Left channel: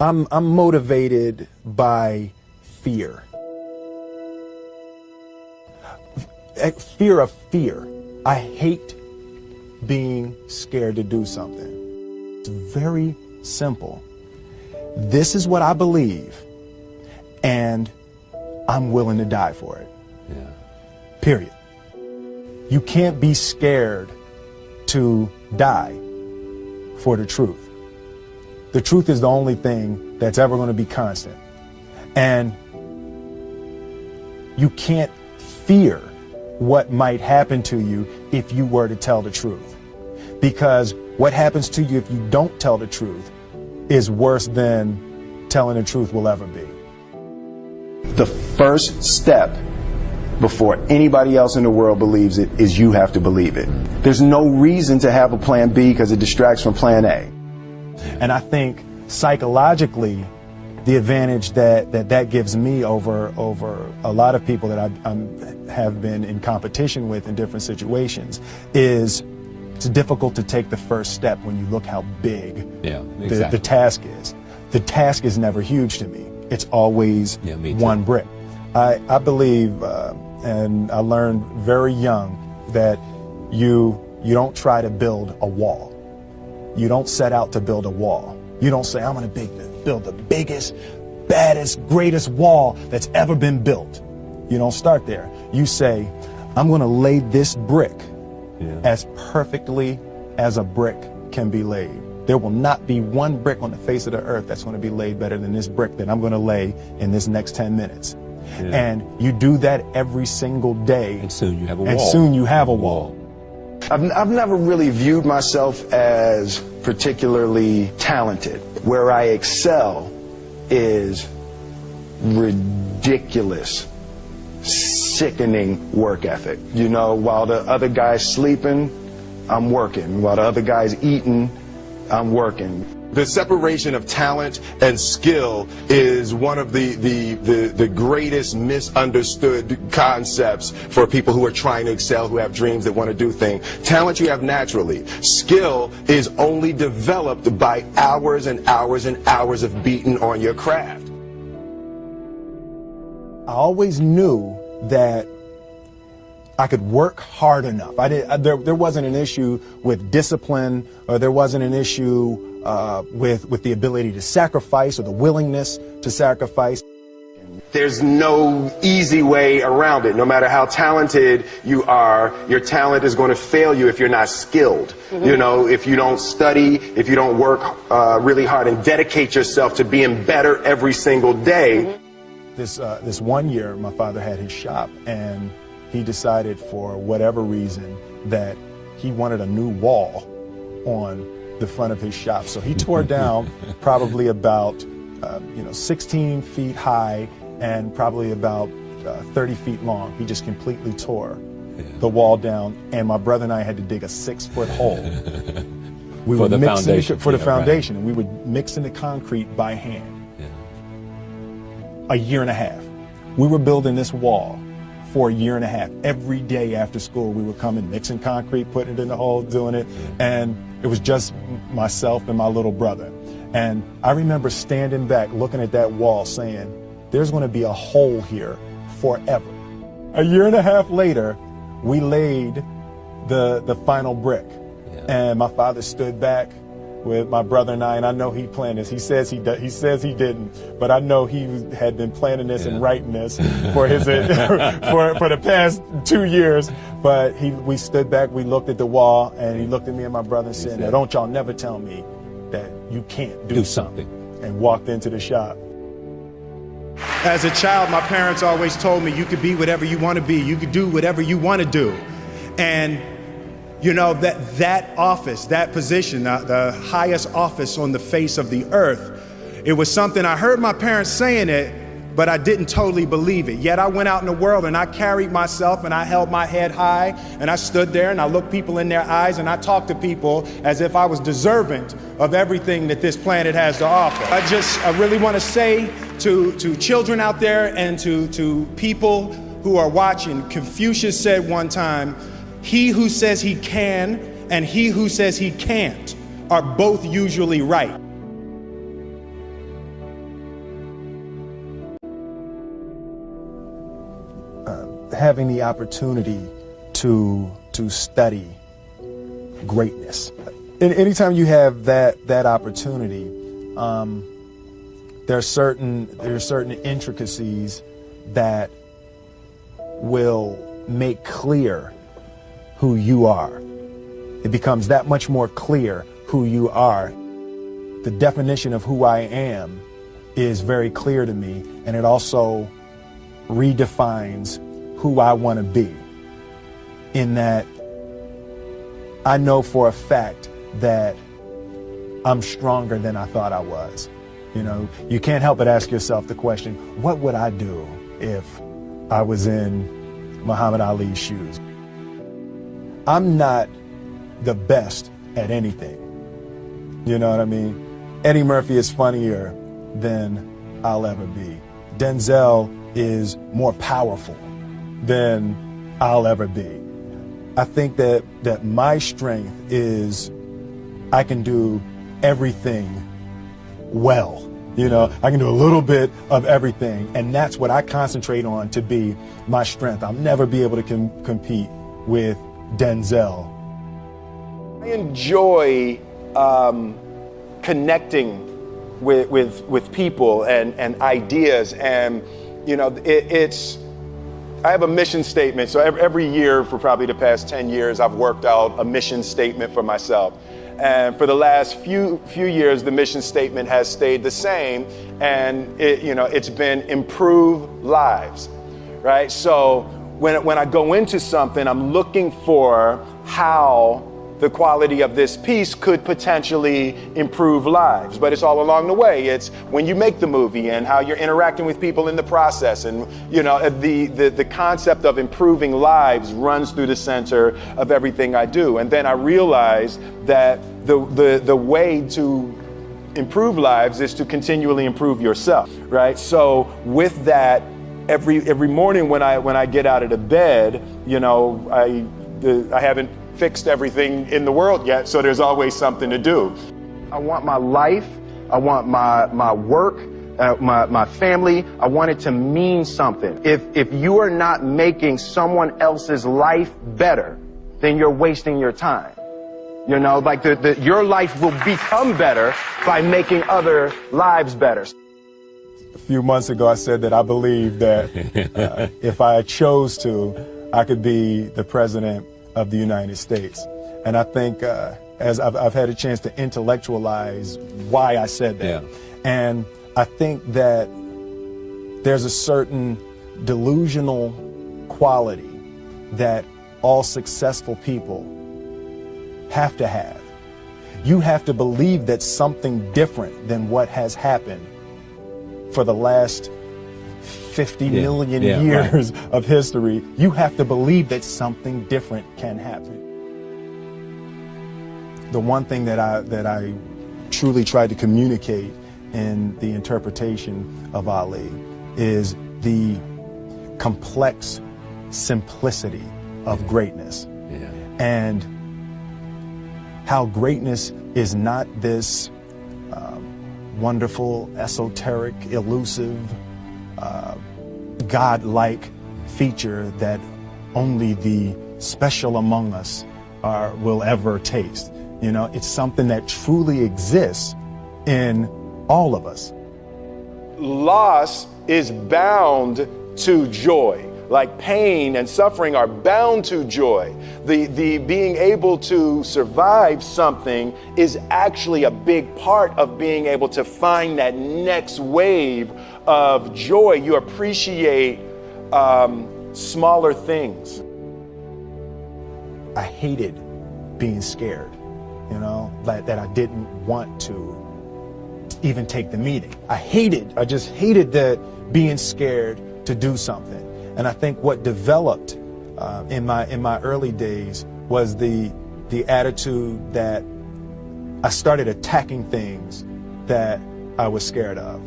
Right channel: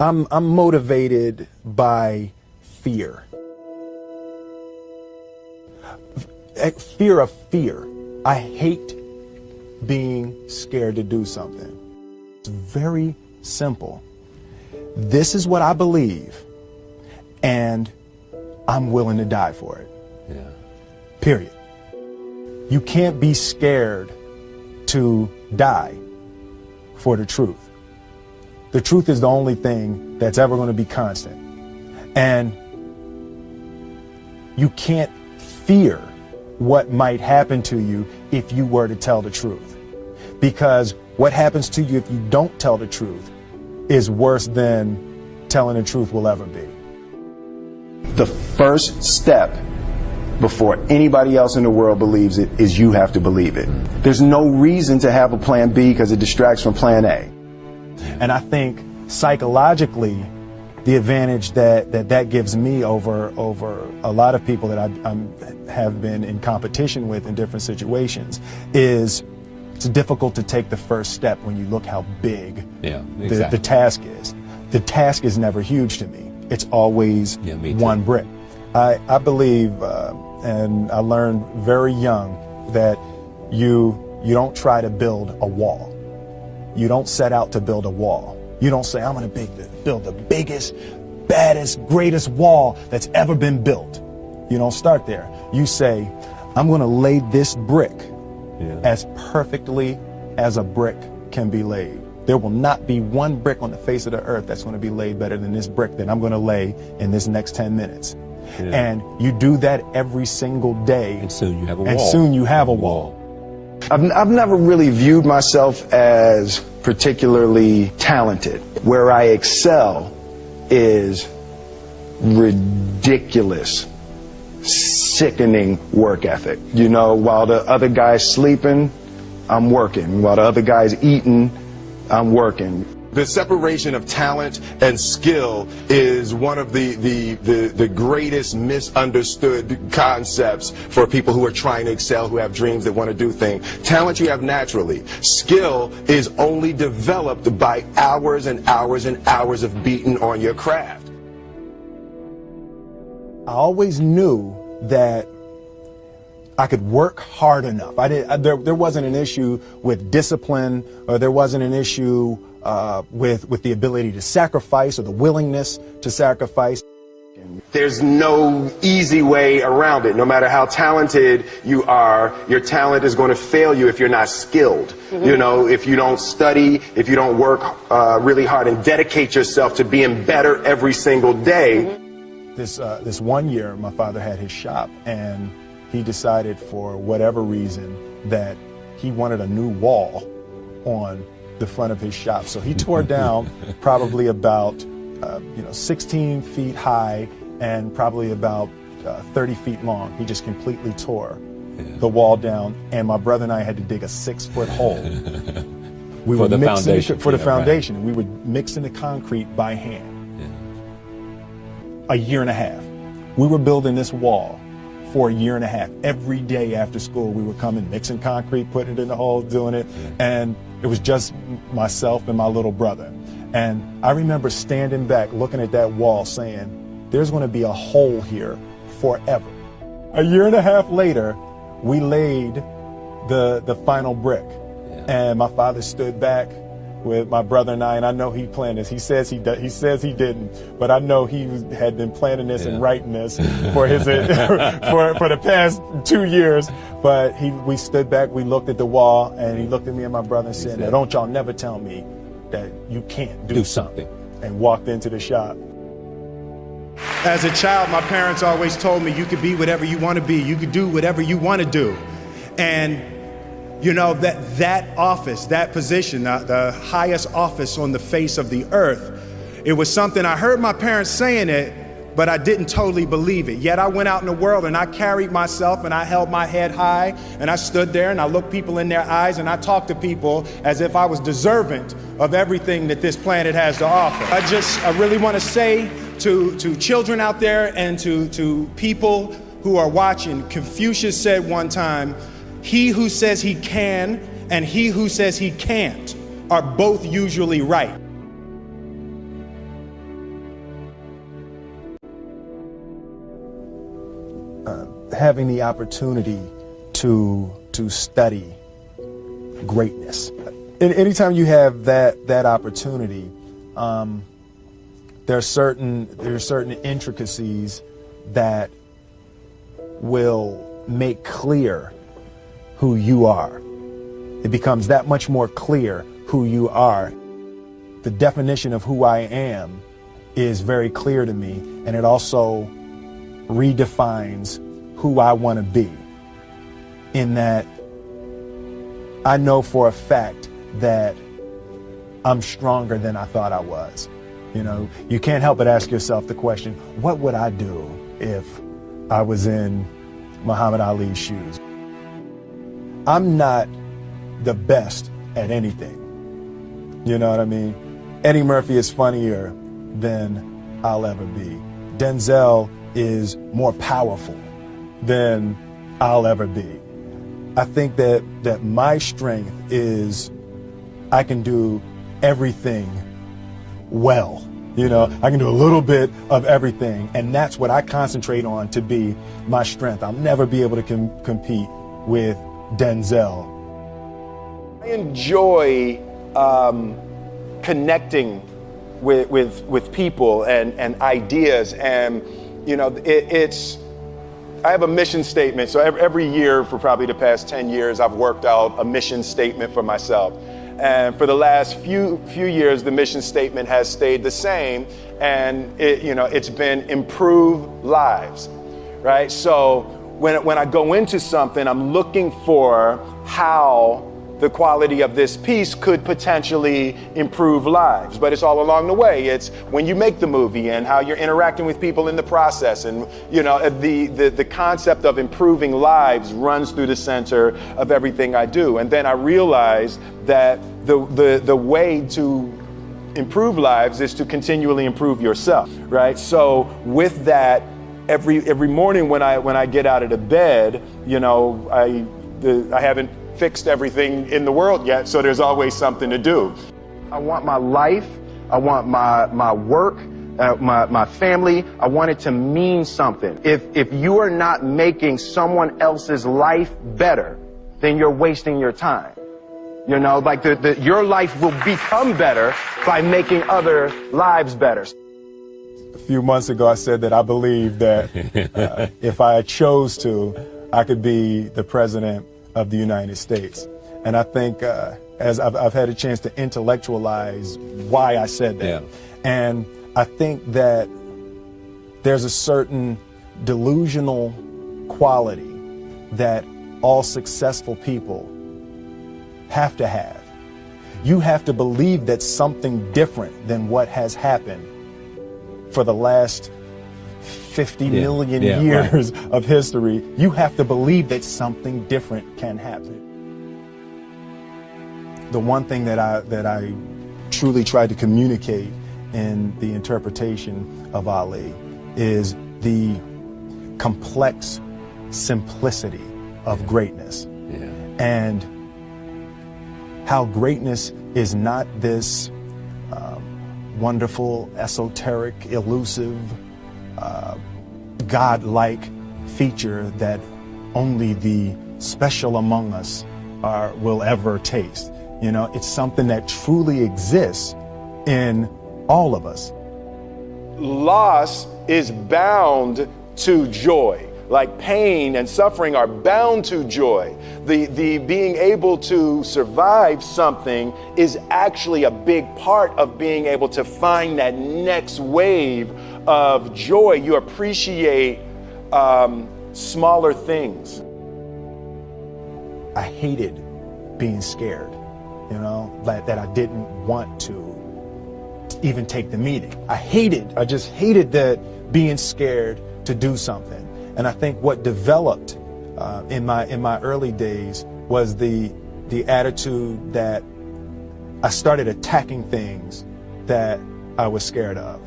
I'm motivated by fear. Fear of fear. I hate being scared to do something. It's very simple. This is what I believe, and I'm willing to die for it. Yeah. Period. You can't be scared to die for the truth. The truth is the only thing that's ever going to be constant. And you can't fear what might happen to you if you were to tell the truth. Because what happens to you if you don't tell the truth is worse than telling the truth will ever be. The first step before anybody else in the world believes it is you have to believe it. There's no reason to have a plan B because it distracts from plan A. And I think psychologically, the advantage that gives me over a lot of people that I have been in competition with in different situations is it's difficult to take the first step when you look how big the task is. The task is never huge to me. It's always one brick. I believe, and I learned very young, that you don't try to build a wall. You don't set out to build a wall. You don't say, I'm going to build the biggest, baddest, greatest wall that's ever been built. You don't start there. You say, I'm going to lay this brick as perfectly as a brick can be laid. There will not be one brick on the face of the earth that's going to be laid better than this brick that I'm going to lay in this next 10 minutes. Yeah. And you do that every single day. And soon you have a wall. And soon you have a wall. I've never really viewed myself as particularly talented. Where I excel is ridiculous, sickening work ethic. You know, while the other guy's sleeping, I'm working. While the other guy's eating, I'm working. The separation of talent and skill is one of the greatest misunderstood concepts for people who are trying to excel, who have dreams that want to do things. Talent you have naturally. Skill is only developed by hours and hours and hours of beating on your craft. I always knew that I could work hard enough. There wasn't an issue with discipline, or there wasn't an issue with the ability to sacrifice or the willingness to sacrifice. There's no easy way around it. No matter how talented you are, your talent is going to fail you if you're not skilled. Mm-hmm. You know, if you don't study, if you don't work really hard and dedicate yourself to being better every single day. Mm-hmm. This one year, my father had his shop, and he decided for whatever reason that he wanted a new wall on the front of his shop. So he tore down probably about 16 feet high and probably about 30 feet long. He just completely tore the wall down, and my brother and I had to dig a 6-foot hole. We for the foundation. For the foundation. Right. We would mix in the concrete by hand. A year and a half. We were building this wall for a year and a half. Every day after school, we would come and mixing concrete, putting it in the hole, doing it. And it was just myself and my little brother. And I remember standing back, looking at that wall, saying, there's going to be a hole here forever. A year and a half later, we laid the final brick. And my father stood back with my brother and I know he planned this. He says he didn't, but I know he had been planning this and writing this for his for the past 2 years. But we stood back, we looked at the wall, and he looked at me and my brother and said, "Don't y'all never tell me that you can't do something," and walked into the shop. As a child, my parents always told me you could be whatever you want to be. You could do whatever you want to do. And you know, that office, that position, the highest office on the face of the earth, it was something I heard my parents saying it, but I didn't totally believe it. Yet I went out in the world and I carried myself and I held my head high and I stood there and I looked people in their eyes and I talked to people as if I was deserving of everything that this planet has to offer. I really want to say to children out there and to people who are watching, Confucius said one time, he who says he can and he who says he can't are both usually right. having the opportunity to study greatness. And anytime you have that opportunity, there are certain intricacies that will make clear who you are. It becomes that much more clear who you are. The definition of who I am is very clear to me, and it also redefines who I want to be. In that I know for a fact that I'm stronger than I thought I was. You know, you can't help but ask yourself the question, what would I do if I was in Muhammad Ali's shoes? I'm not the best at anything. You know what I mean? Eddie Murphy is funnier than I'll ever be. Denzel is more powerful than I'll ever be. I think that my strength is I can do everything well. You know, I can do a little bit of everything, and that's what I concentrate on to be my strength. I'll never be able to compete with Denzel. I enjoy connecting with people and ideas, and you know, I have a mission statement. So every year for probably the past 10 years, I've worked out a mission statement for myself. And for the last few years, the mission statement has stayed the same, and it's been improve lives, right? So when I go into something, I'm looking for how the quality of this piece could potentially improve lives. But it's all along the way. It's when you make the movie and how you're interacting with people in the process. And the concept of improving lives runs through the center of everything I do. And then I realized that the way to improve lives is to continually improve yourself, right? So with that, every morning when I get out of the bed, I haven't fixed everything in the world yet, so there's always something to do. I want my life, I want my work, my family, I want it to mean something. If you are not making someone else's life better, then you're wasting your time. You know, like your life will become better by making other lives better. A few months ago, I said that I believe that if I chose to, I could be the president of the United States. And I think as I've had a chance to intellectualize why I said that. Yeah. And I think that there's a certain delusional quality that all successful people have to have. You have to believe that something different than what has happened for the last 50 million years of history. You have to believe that something different can happen. The one thing that I truly tried to communicate in the interpretation of Ali is the complex simplicity of greatness. And how greatness is not this wonderful, esoteric, elusive, God-like feature that only the special among us will ever taste. You know, it's something that truly exists in all of us. Loss is bound to joy. Like pain and suffering are bound to joy. The being able to survive something is actually a big part of being able to find that next wave of joy. You appreciate smaller things. I hated being scared, that I didn't want to even take the meeting. I just hated that being scared to do something. And I think what developed in my early days was the attitude that I started attacking things that I was scared of.